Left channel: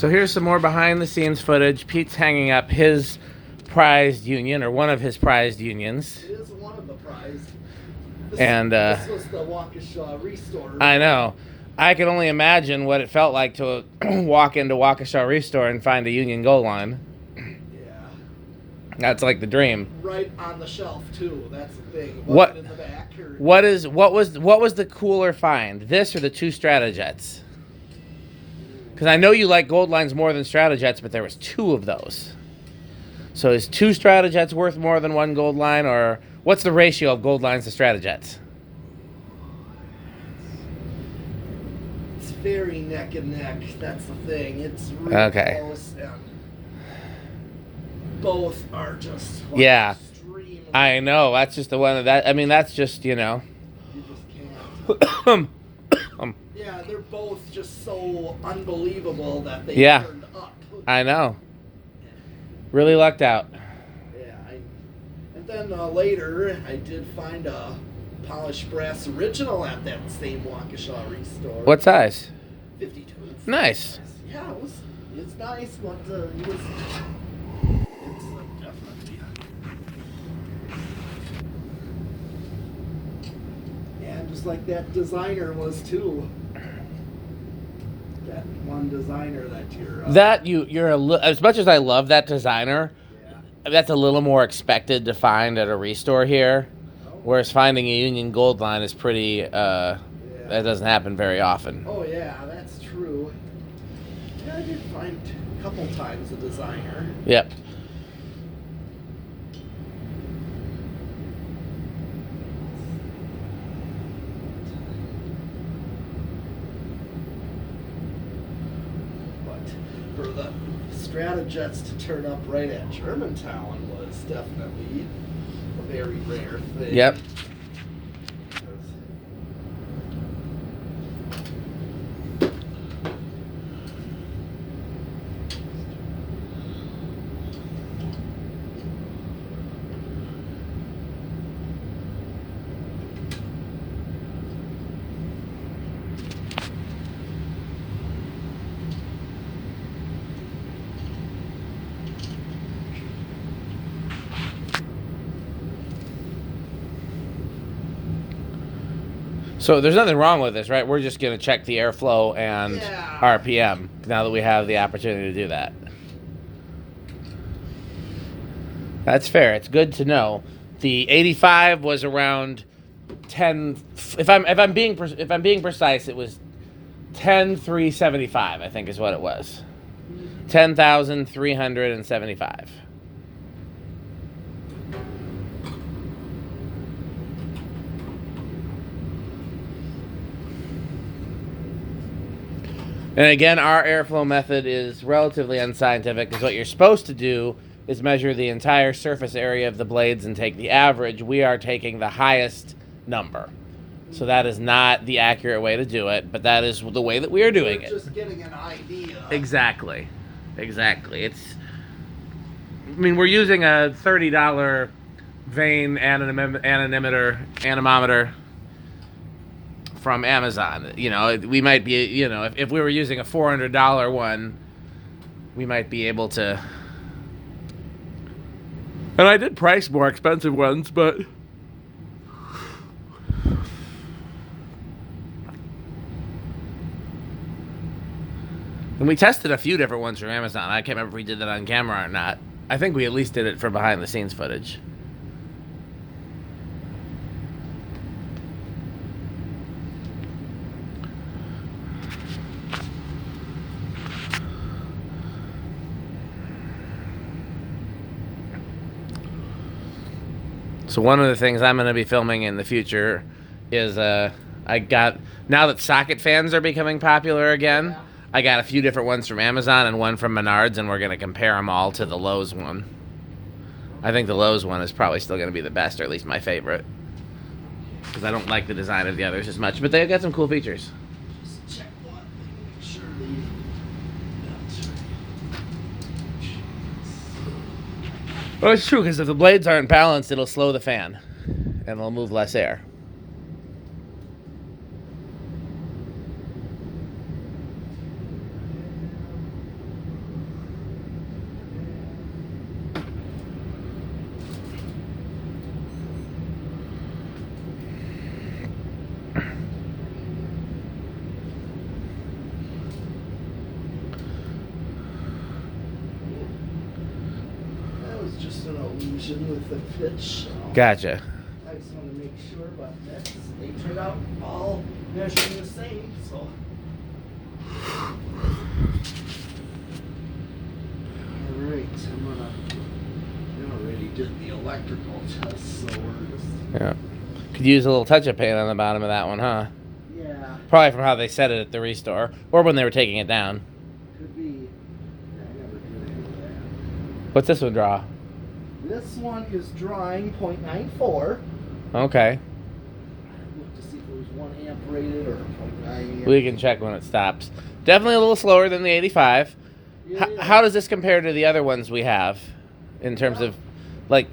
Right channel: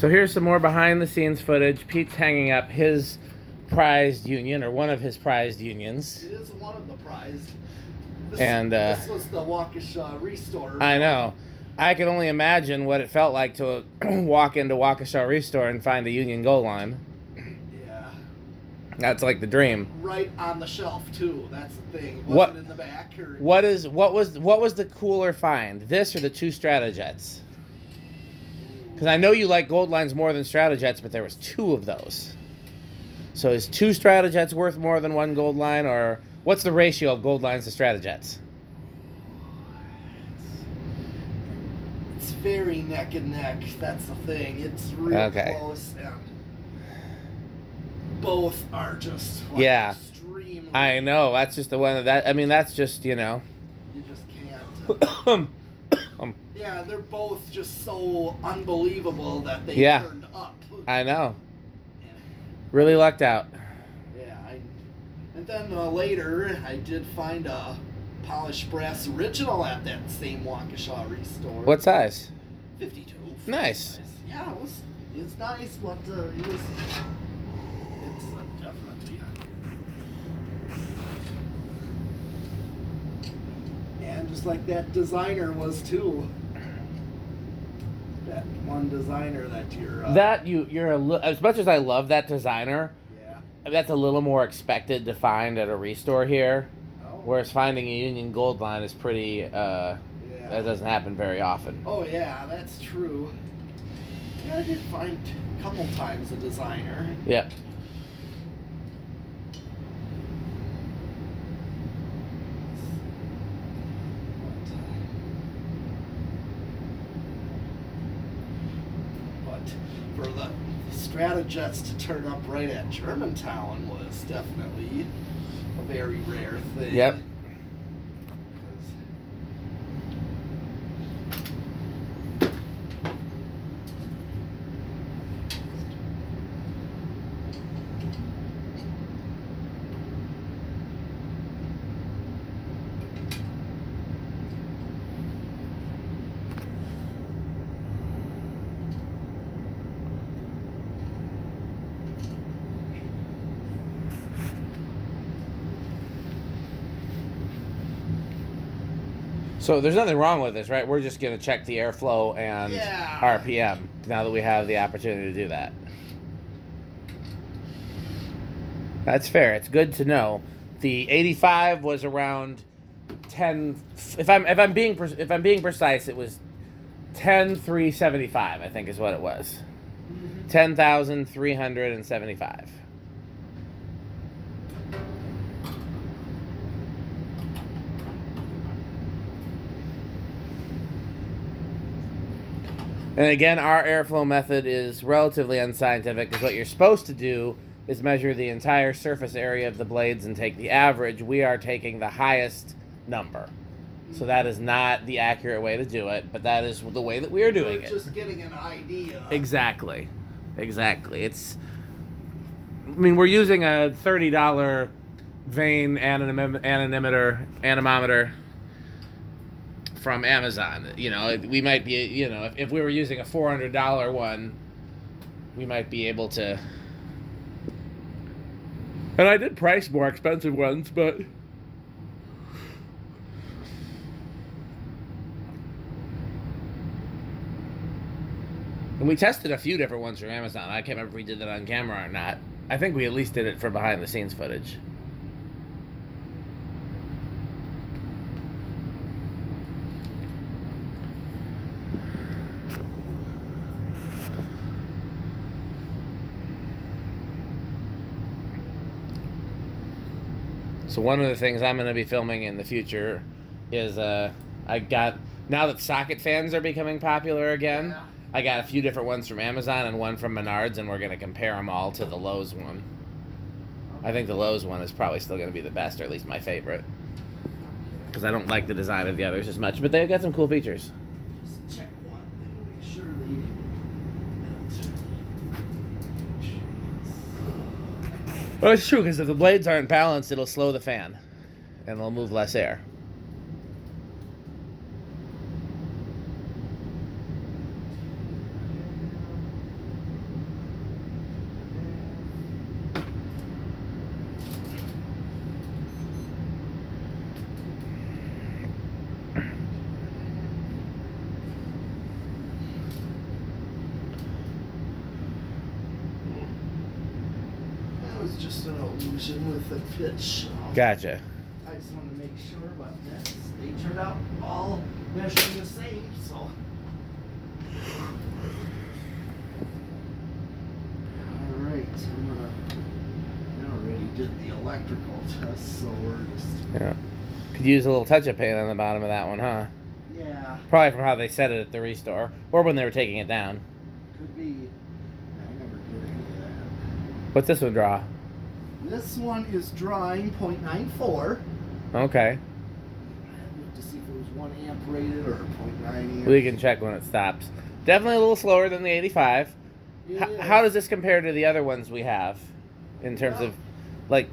So here's some more behind the scenes footage. Pete's hanging up his prized union, or one of his prized unions. It is one of the prized. This was the Waukesha Restore. I know. I can only imagine what it felt like to walk into Waukesha Restore and find a Union Gold Line. Yeah. That's like the dream. Right on the shelf too. That's the thing. What in the back? Or... What was the cooler find? This or the two Stratojets? Because I know you like Gold Lines more than Stratojets, but there was two of those. So is two Stratojets worth more than one Gold Line, or what's the ratio of Gold Lines to Stratojets? It's very neck and neck. That's the thing. It's really close, and both are just extremely. I know. That's just the one that. I mean, that's just You just can't. Yeah, they're both just so unbelievable that they turned up. I know. Really lucked out. Yeah, and then later I did find a polished brass original at that same Waukesha Restore. What size? 52. Nice. Yeah, it's nice, but it's definitely. And just like that designer was too. That one designer that you're as much as I love that designer, that's a little more expected to find at a restore here, whereas finding a Union Gold Line is pretty that doesn't happen very often. Oh yeah, that's true. Yeah, I did find a couple times a designer. Yep. For the Stratojets to turn up right at Germantown was definitely a very rare thing. Yep. So there's nothing wrong with this, right? We're just going to check the airflow and RPM now that we have the opportunity to do that. That's fair. It's good to know. The 85 was around 10. If I'm being precise, it was 10,375. I think is what it was. 10,375. And again, our airflow method is relatively unscientific, because what you're supposed to do is measure the entire surface area of the blades and take the average. We are taking the highest number. So that is not the accurate way to do it, but that is the way that we are doing it. Just getting an idea. Exactly. We're using a $30 vane anemometer from Amazon. We might be, if we were using a $400 one, we might be able to. And I did price more expensive ones, but and we tested a few different ones from Amazon. I can't remember if we did that on camera or not. I think we at least did it for behind the scenes footage. So one of the things I'm going to be filming in the future is now that socket fans are becoming popular again, I got a few different ones from Amazon and one from Menards, and we're going to compare them all to the Lowe's one. I think the Lowe's one is probably still going to be the best, or at least my favorite, because I don't like the design of the others as much, but they've got some cool features. Just check one. Make sure Well, it's true, because if the blades aren't balanced, it'll slow the fan, and it'll move less air. just an illusion with the pitch. Gotcha. I just want to make sure, but they turned out all measuring the same, so. Alright, we already did the electrical test, so we're just. Yeah. Could use a little touch-up paint on the bottom of that one, huh? Yeah. Probably from how they set it at the restore, or when they were taking it down. Could be. I never did any of that. What's this one draw? This one is drawing .94. Okay. Look to see if it was 1 amp rated or .9 amp. We can check when it stops. Definitely a little slower than the 85. How does this compare to the other ones we have, in terms of, like,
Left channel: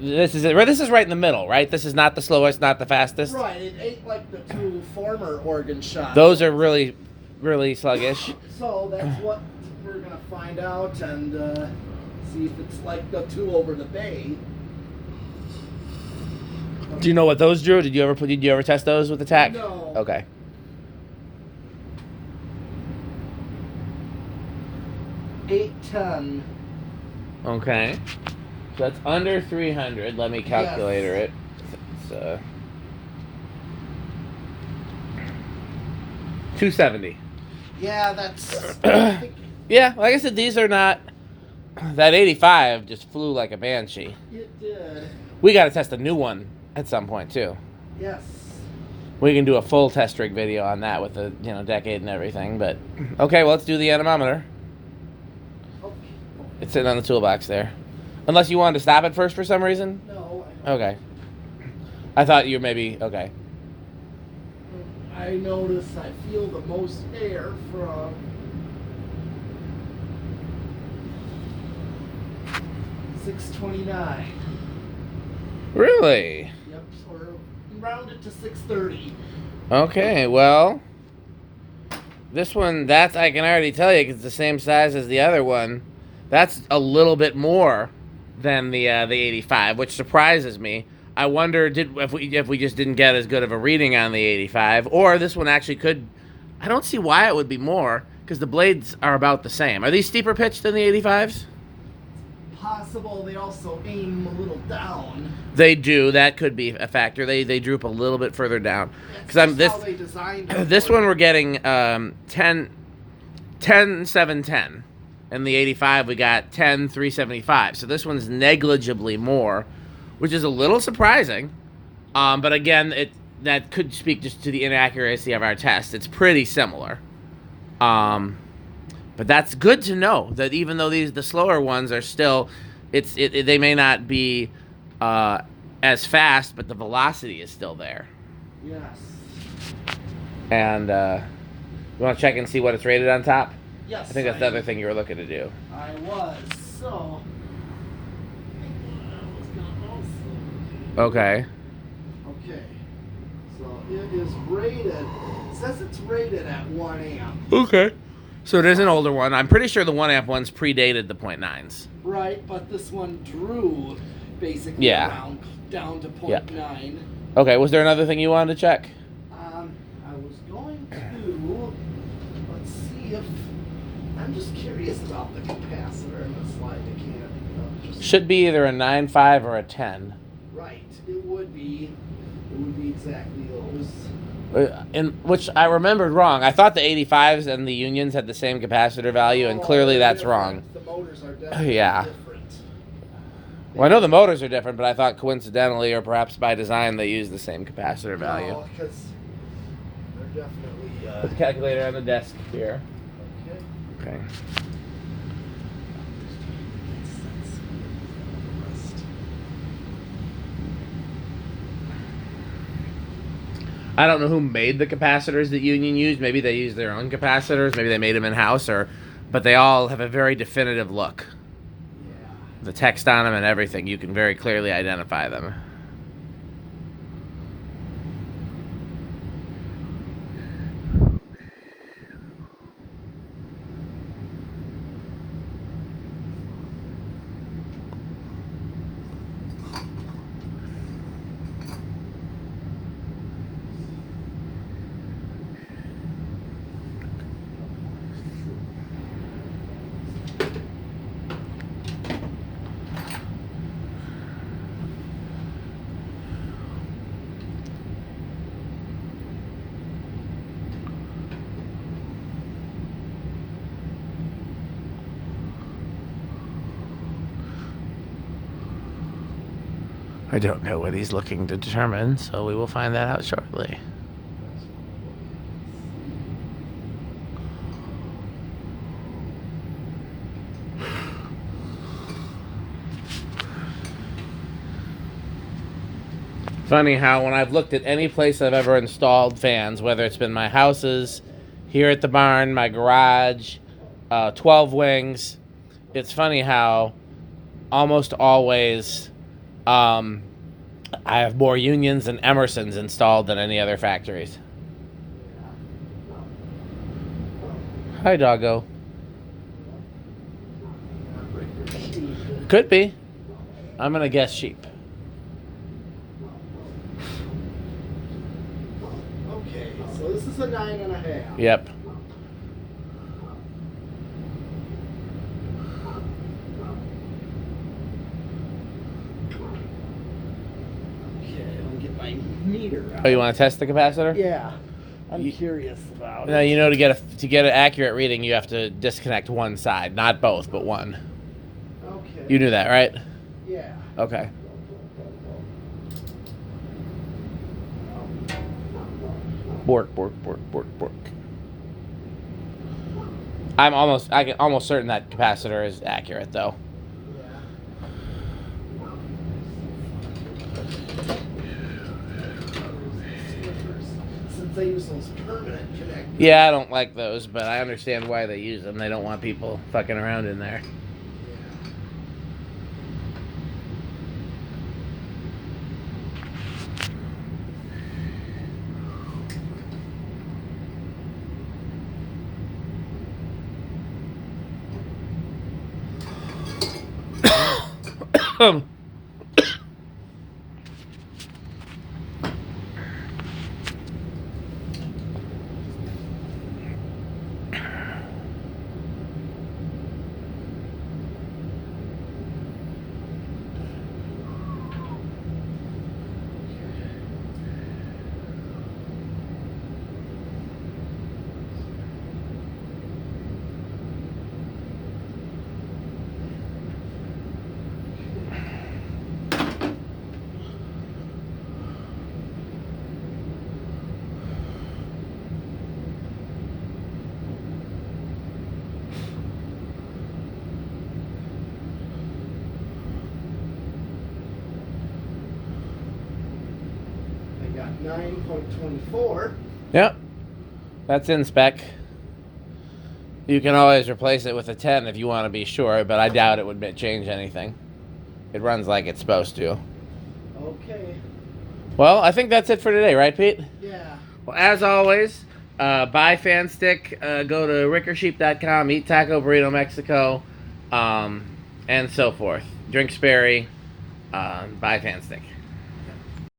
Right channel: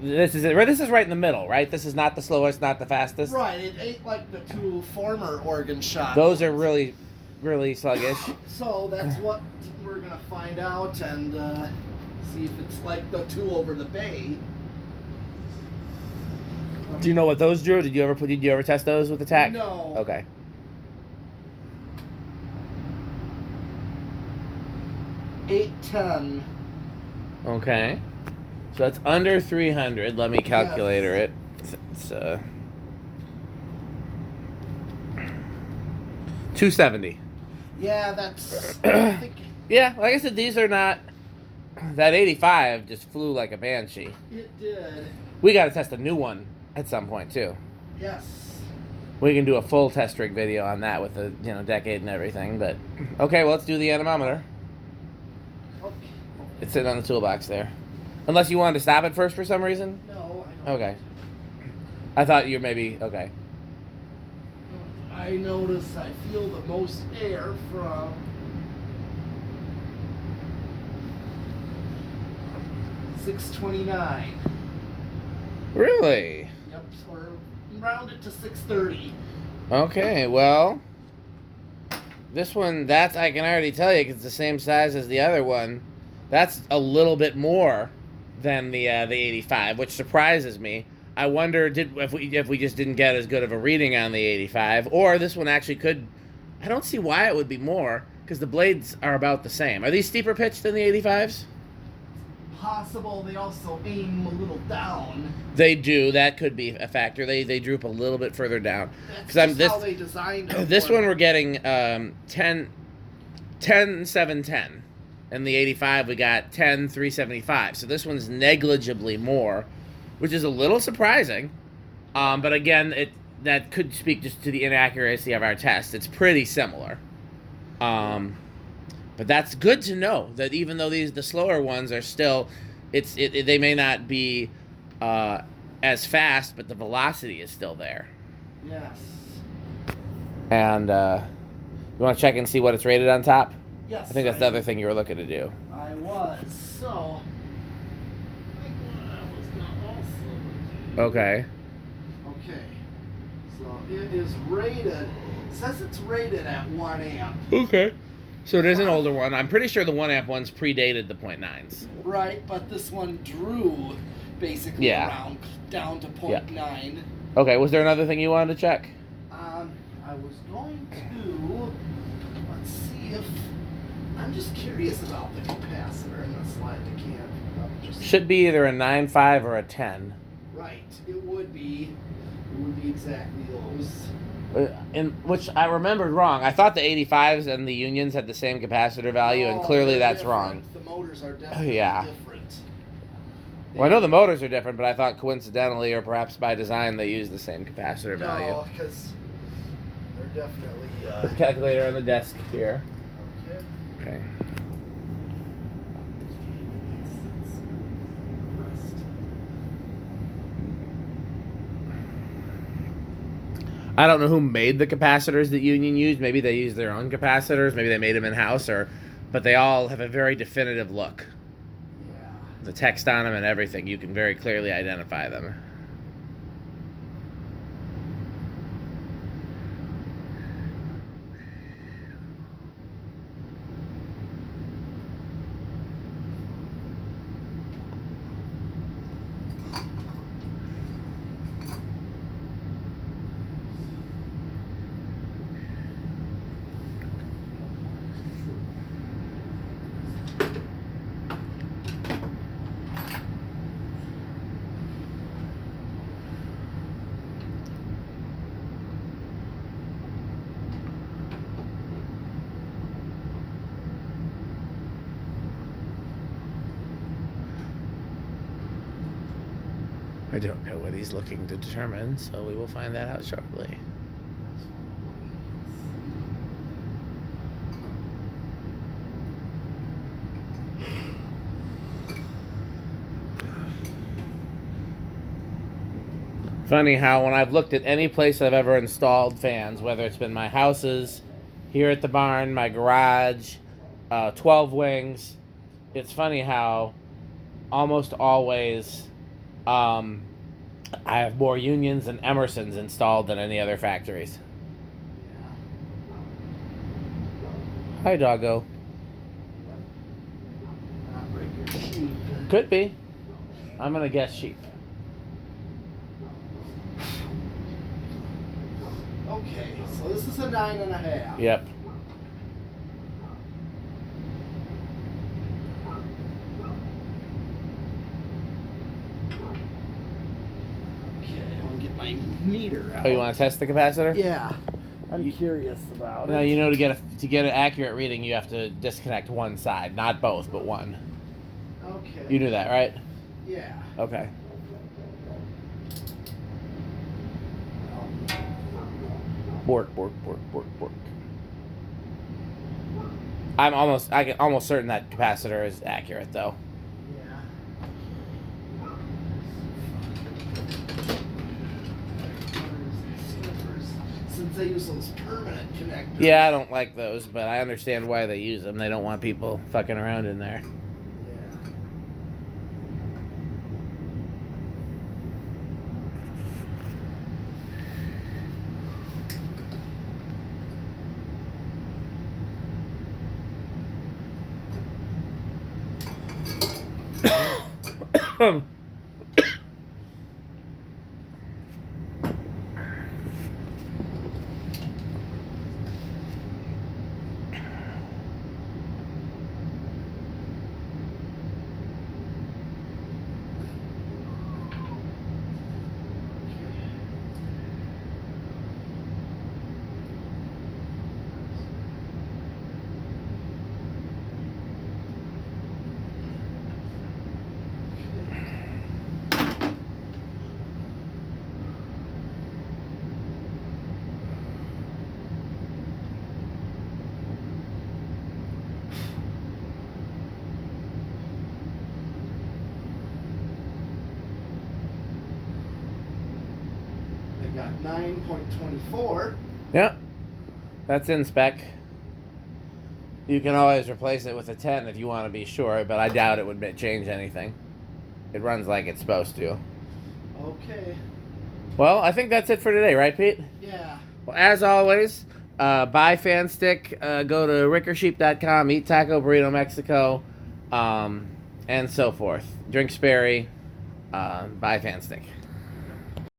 this is right in the middle, right? This is not the slowest, not the fastest. Right, it ain't like the two former organ shots. Those are really, really sluggish. So that's what we're gonna find out and see if it's like the two over the bay. Do you know what those drew? Did you ever test those with the tack? No. Okay. $810. Okay. So that's under 300. Let me calculator it. It's 270. Yeah, that's. I think Yeah, like I said, these are not. That 85 just flew like a banshee. it did. We got to test a new one at some point too. Yes. We can do a full test rig video on that with the decade and everything. But okay, well, let's do the anemometer. Okay. It's sitting on the toolbox there. Unless you wanted to stop it first for some reason. No, I don't. Okay. I thought you maybe okay. I notice I feel the most air from 629. Really? Yep, or round it to 630. Okay, well, this one, that's, I can already tell you, 'cause it's the same size as the other one. That's a little bit more than the 85, which surprises me. I wonder if we just didn't get as good of a reading on the 85, or this one actually could. I don't see why it would be more, because the blades are about the same. Are these steeper pitched than the 85s? Possible they also aim a little down. They do. That could be a factor. They droop a little bit further down. That's just how they designed it. This one we're getting 10 710, and the 85 we got 10 375. So this one's negligibly more, which is a little surprising. But again, that could speak just to the inaccuracy of our test. It's pretty similar. But that's good to know that even though the slower ones are still, they may not be as fast, but the velocity is still there. Yes. And you want to check and see what it's rated on top? Yes. I think that's the other thing you were looking to do. I was. So. Okay. Okay. So it is rated. It says it's rated at 1 amp. Okay. So it is an older one. I'm pretty sure the 1 amp ones predated the .9s. Right, but this one drew basically around down to .9. Okay, was there another thing you wanted to check? I was going to, let's see if, I'm just curious about the capacitor in the slide. I can't. Should be either a 9.5 or a 10. Right, it would be exactly those. In which I remembered wrong. I thought the 85s and the Unions had the same capacitor value, and clearly that's different. wrong. The motors are definitely different. Well, I know the motors are different, but I thought coincidentally, or perhaps by design, they use the same capacitor value. No, because they're definitely. Put the calculator on the desk here. Okay. I don't know who made the capacitors that Union used. Maybe they used their own capacitors. Maybe they made them in-house, but they all have a very definitive look. Yeah. The text on them and everything, you can very clearly identify them. I don't know what he's looking to determine, so we will find that out shortly. Funny how when I've looked at any place I've ever installed fans, whether it's been my houses, here at the barn, my garage, 12 wings, it's funny how almost always I have more Unions and Emersons installed than any other factories. Hi, doggo. Could be. I'm going to guess sheep. Okay, so this is a 9.5. Yep. Okay, I'll get my meter out. Oh, you want to test the capacitor? Yeah. I'm curious about No, it. you know, to get an accurate reading, you have to disconnect one side, not both, but one. Okay. You knew that, right? Yeah. Okay. Bork, bork, bork, bork, bork. I can almost certain that capacitor is accurate, though. Yeah. Since they use those permanent connectors. Yeah, I don't like those, but I understand why they use them. They don't want people fucking around in there. They got 9.24. Yep. That's in spec. You can always replace it with a 10 if you want to be sure, but I doubt it would change anything. It runs like it's supposed to. Okay. Well, I think that's it for today, right, Pete? Yeah. Well, as always, buy fan stick. Go to rickersheep.com, eat Taco Burrito Mexico, and so forth. Drink Sperry. Buy fan stick.